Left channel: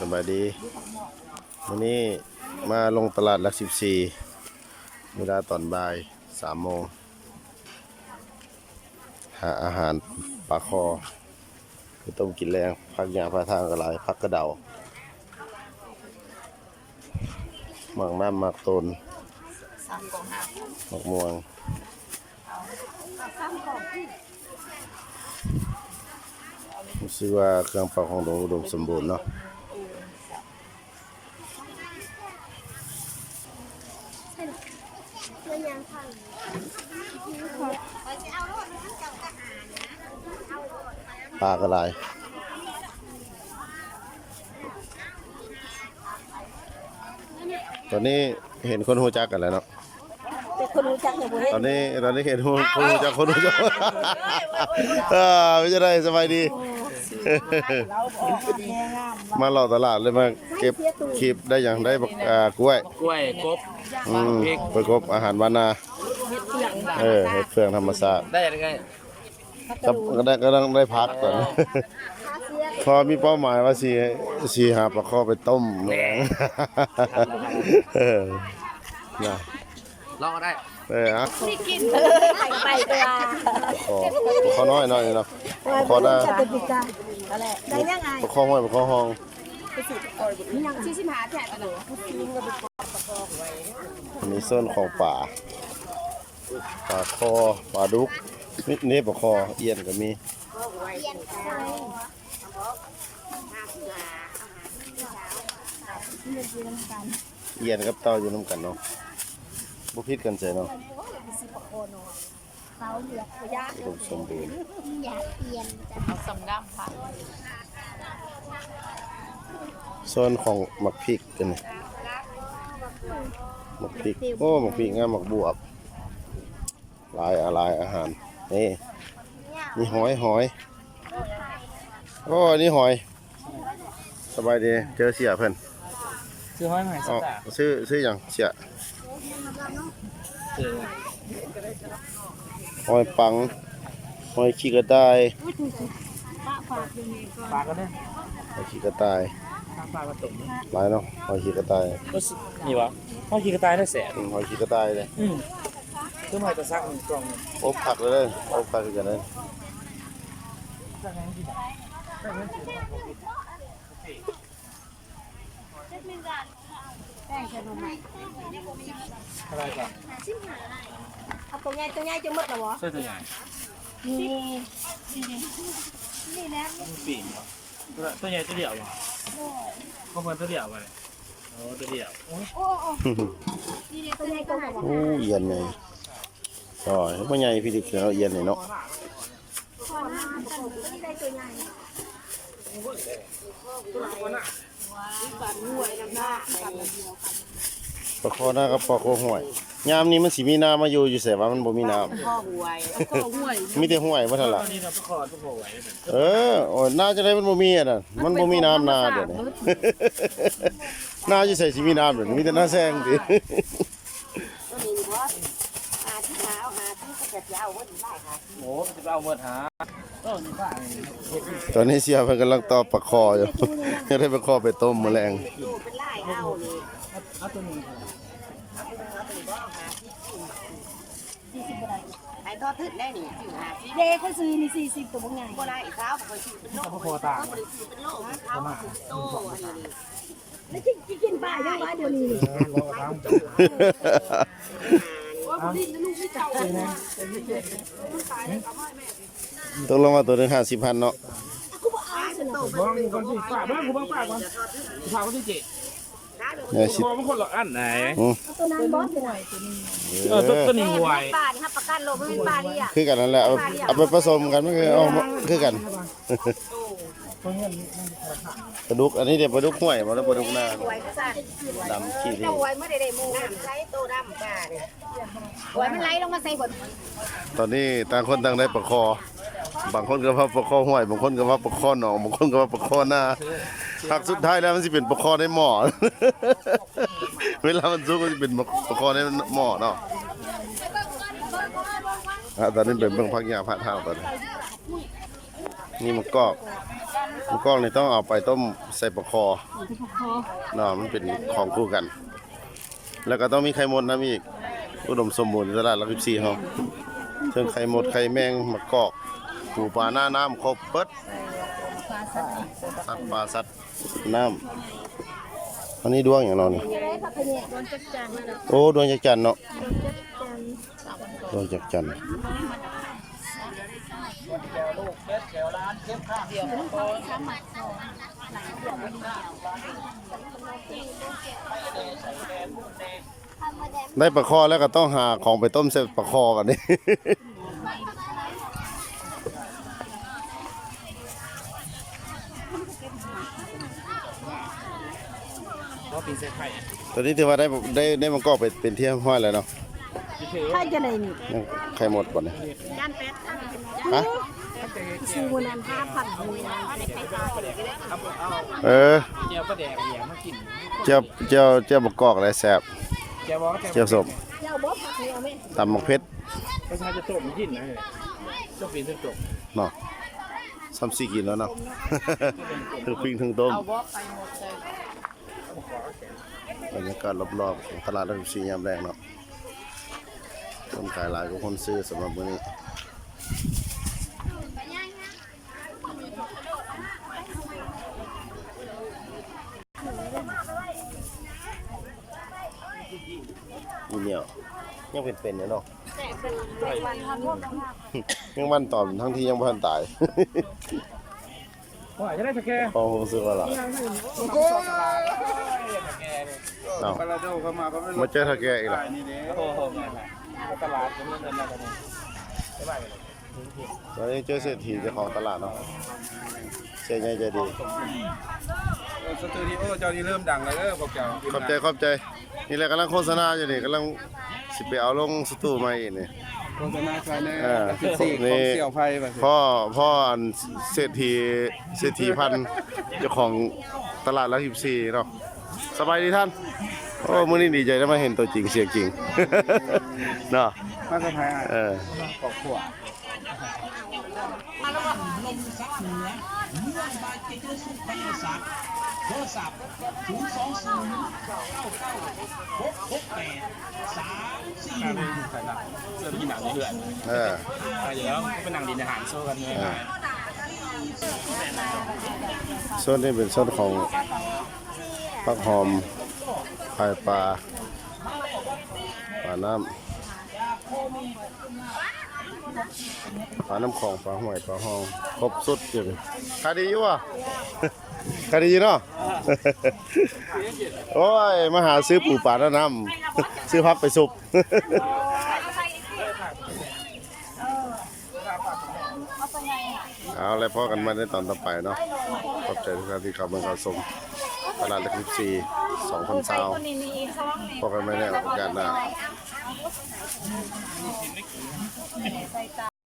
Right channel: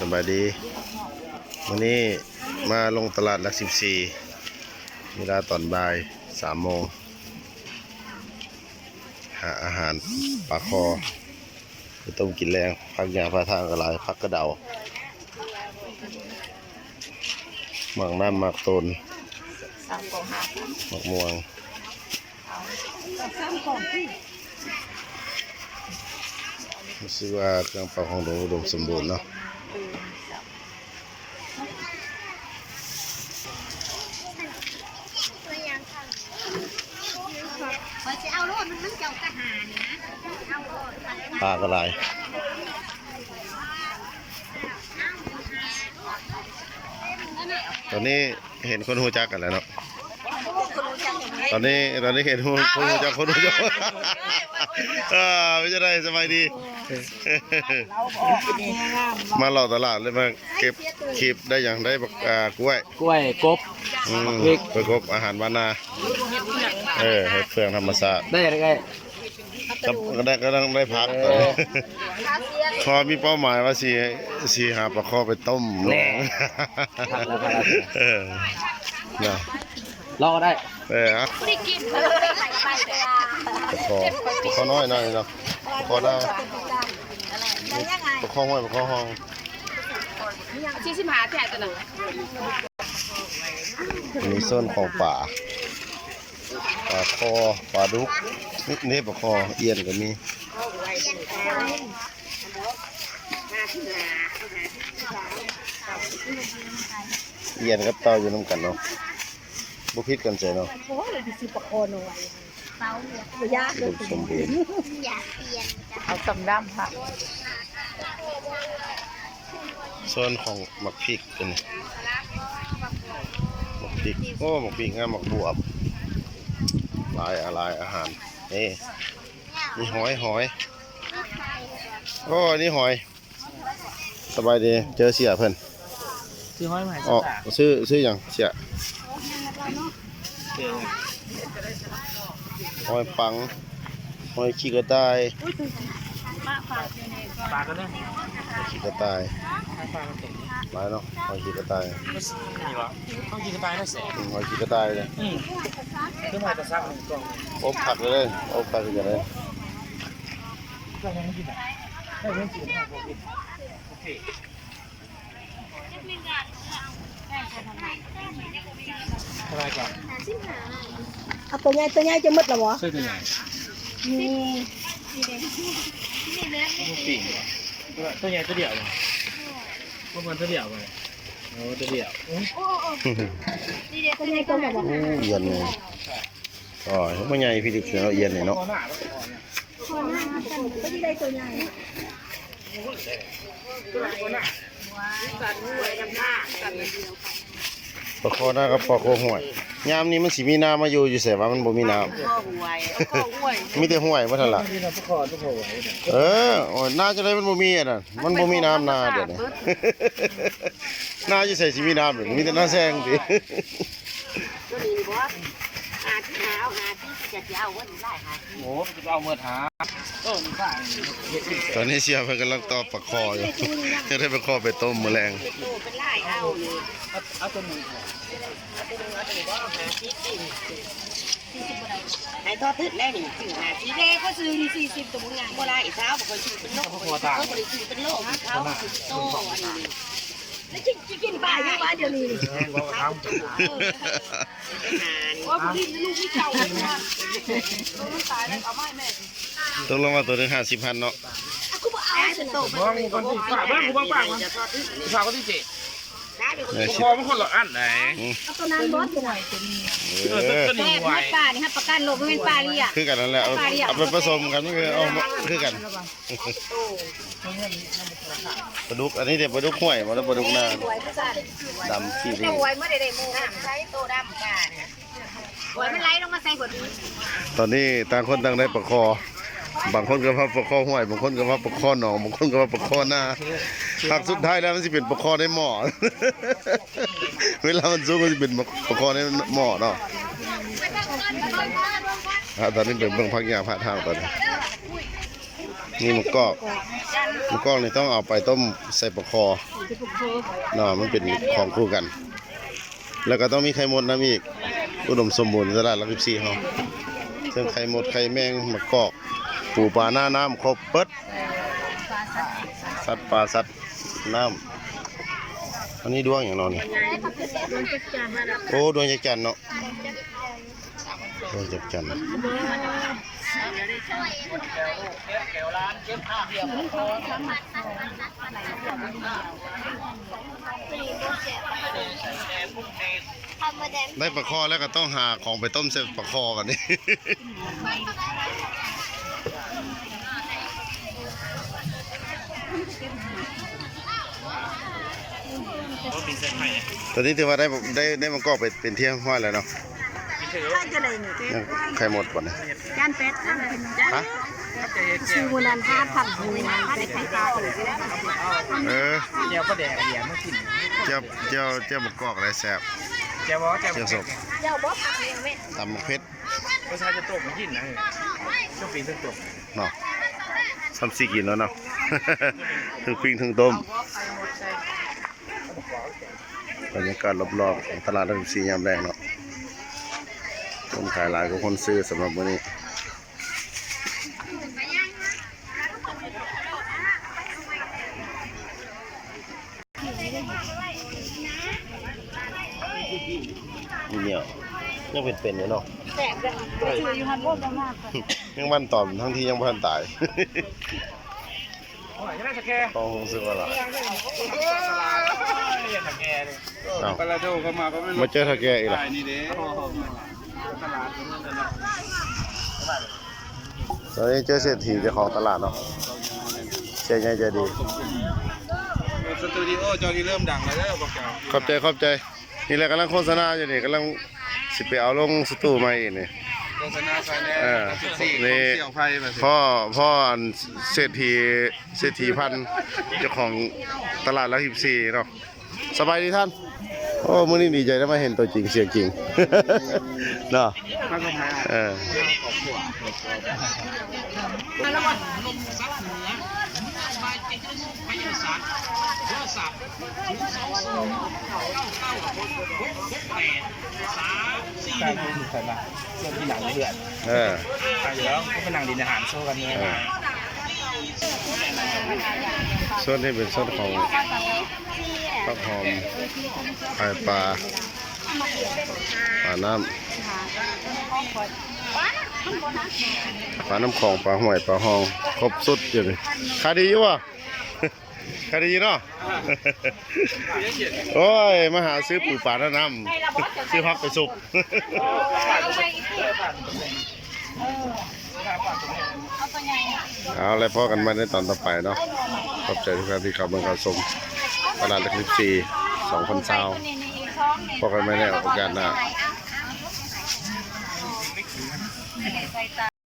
สบายดีวันนี้มาลงตลาดหลัก14เวลาตอนบ่าย3 โมงหาอาหารปลาคอคือต้มกินแรงพักยาพาทางกระไรพักกระเดาหมักน้ำหมักต้นหมักม่วงรู้สึกว่าเครื่องปลาของหลวงอุดมสมบูรณ์เนาะปลากระไรตอนนี้เห็นคนหูจักกันแล้วเนาะตอนนี้เห็นคนหูจักไม่ใช่ได้สบายดีมาหล่อตลาดเลยมาเก็บคลิปได้อย่างได้กล้วยกบไปกบอาหารบ้านนาเห็ดเฟืองธรรมชาติได้ยังไงก็ต้องได้พักตอนนี้พอมีเป้าหมายว่าสีหาปลาคอไปต้มแรงนะรอก็ได้ครับไม่กินไปปลาคอน้อยเนาะปลาคอหน้าปลาคอห้อยปลาคอห้องชี้ชิมหาแท้ตัวหนึ่งมีส่วนของปลาคอปลาดุกนี่ปลาคอเอียนก็มีเอียนกับเต่าอยู่น้ำกันเนาะบุพิษกันใจเนาะอุดมสมบูรณ์สมดำค่ะส่วนของหมักพริกกันหมักพริกหมักพริกงามหมักบวบหลายอาหารนี่มีหอยนี่หอยสบายดีเจอเสียเพิ่นซื้อหอยมาอ๋อซื้ออย่างเสียหอยปังหอยขี้กระต่ายปลาก็ได้หอยขี้กระต่ายหลายเนาะหอยขี้กระต่ายนี่วะหอยขี้กระต่ายได้แสนหอยขี้กระต่ายเลยซื้อมาจะซักหนึ่งกล่องอบผักเลยอบผักกันเลยได้ยังกินได้ยังกินโอเคอะไรก่อนเอาตัวใหญ่จะหมดหรอวะใช่ตัวใหญ่นี่แม่ปิ่งตัวใหญ่ตัวเดียวเหรอพวกมันตัวเดียวไปโอ้ตัวเดียวตัวใหญ่ตัวไหนบ้างเย็นเลยอ๋อไม่ใหญ่พี่ดิบเสือเย็นเลยเนาะปลาคอหน้ากับปลาคอห่วยยามนี้มันสีมีน้ำมาอยู่เสียว่ามันบ่มีน้ำมีแต่ห่วยว่าเท่าไหร่น่าจะได้มันบ่มีอ่ะนะมันบ่มีน้ำนาเดี๋ยวนี้น่าจะใส่สีมีน้ำเดี๋ยวมีแต่น้าแซงดิโอ้จะเอาเมื่อหาตอนนี้เสียไปกำลังตอบปลาคออยู่จะได้ปลาคอไปต้มแมลงไอ้ทอดทึดแล้วนี่ถึง50เด้เขาซื้อนี่40ตัวบ่งานบ่ได้อีกเช้าบ่ค่อยซื้อเป็นโลเขาบ่ได้ซื้อเป็นโลเขาโตอันนี้แล้วกินปลายังวะเดี๋ยวนี้ว่าบ่ดิ้นลูกนี่เก่าเลยนะมันตายแล้วเอาไม้แม่ตกลงมาตัวนึง50,000เนาะกูบ่เอาจนโตไปคนที่ฝากบ้านกูบ้างฝากมันฝากคนที่เจ๊คอมันคนละอันไหนตัวนั้นบอสตัวไหนตัวนี้ตัวนี้หวยปลานี่ครับประกันโลกไม่เป็นปลาเรียคือกันนั่นแหละเอาไปผสมกันมันคือกันปลาดุกอันนี้เดี๋ยวปลาดุกห้วยมาแล้วปลาดุกนาดำขี้นี่หวยเมื่อใดๆมูไล่โตดำปลาเนี่ยหวยมันไล่ลงมาใส่บนตอนนี้ต่างคนต่างได้ปลาคอบางคนก็ว่าปลาคอห้วยบางคนก็ว่าปลาคอหนองบางคนก็ว่าปลาคอหน้าหากสุดท้ายแล้วมันจะเป็นปลาคอในหม้อเวลามันซุกมันจะเป็นปลาคอในหม้อเนาะตอนนี้เป็นเบื้องพักยาพระทางตอนนี้นี่มันกอก มะกอกนี่ต้องเอาไปต้มใส่ปลาคอเนาะมันเป็นของคู่กัน แล้วก็ต้องมีไข่มดน้ำอีกอุดมสมบูรณ์ตลาดหลัก14เฮาเรื่องไข่มดไข่แมงมะกอกปูปลาหน้าน้ำครบเปิดสัตว์ปลาสัตว์น้ำอันนี้ดวงอย่างเรานี่โอ้ดวงจักรจันทร์เนาะดวงจักรจันทร์ได้ปลาคอแล้วก็ต้องหาของไปต้มเสร็จปลาคอกันนี่ ก็ปีนเส้นไผ่ ตอนนี้ถือว่าได้มะกอกไปเป็นที่ห้อยแล้วเนาะ ใช่จะไหนนี่ ยังไข่หมดก่อนนะ ย่านเป็ด ฮะ ซื้อวันนั้น5,000เป็ด เออ เจียวก็แดกเหรียญมากิน เจ้ามะกอกอะไรแซ่บ เจียวบอก เจ้าสม เจ้าบ่ผักเนี่ยแม่ ตำมะเพชร ประชาจะตกมากินนะก็ปีนเส้นตก เนาะซ้ำซีกินแล้วเนาะ ทั้งปิ้งทั้งต้มบรรยากาศรอบๆของตลาดรังสียามแรงเนาะคนขายหลายกว่าคนซื้อสำหรับมื้อนี้นี่เหนียวยังเป็นๆอยู่เนาะ ยังมันตอบทั้งที่ยังบ่ทันตาย ว่าจะได้สแกน พอรู้สึกว่าล่ะ ตลาดสแกน เอ้า ปลาโดเข้ามาก็ไม่ มาเจอทาแกอีกล่ะ ขายนี่เด้ ตลาดก็มีกันแล้ว ตอนนี้เจอเศรษฐีเจ้าของตลาดเนาะเสียใหญ่ใจดี สตูดิโอจอที่เริ่มดังแล้วเด้อบอกแก ขอบใจนี่แหละกำลังโฆษณาอยู่นี่กำลังสิไปเอาลงสตูใหม่อีกนี่ โฆษณาใส่แน่ เออ 14 นี่ ของเสี่ยวไพ่มาสิ พ่ออันเศรษฐีพันธุ์เจ้าของตลาดละ14เนาะสบายดีท่านโอ้มื้อนี้ดีใจได้มาเห็นตัวจริงเสียงจริง เนาะ มาก็พา เออ ใส่ใส่ละเริ่มที่หนังเดือด เออ ใช่แล้วก็เป็นหนังดินอาหารโซ่กันเนี่ย โซนนี้เป็นโซนของผักหอมไข่ปลาน้ำปลาน้ำของปลาห่วยปลาหองครบสุดอยู่เลยขายดีอยู่วะ ขายดีเนาะ โอ้ยมาหาซื้อปูปลาน้ำซื้อพักไปสุก เอาแล้วพ่อกันมาในตอนต่อไปเนาะขอบใจทุกท่านที่เข้ามาเข้าชมตลาดเล็ก14 2,000ซาวพอกันไม่แน่โอกาสหน้า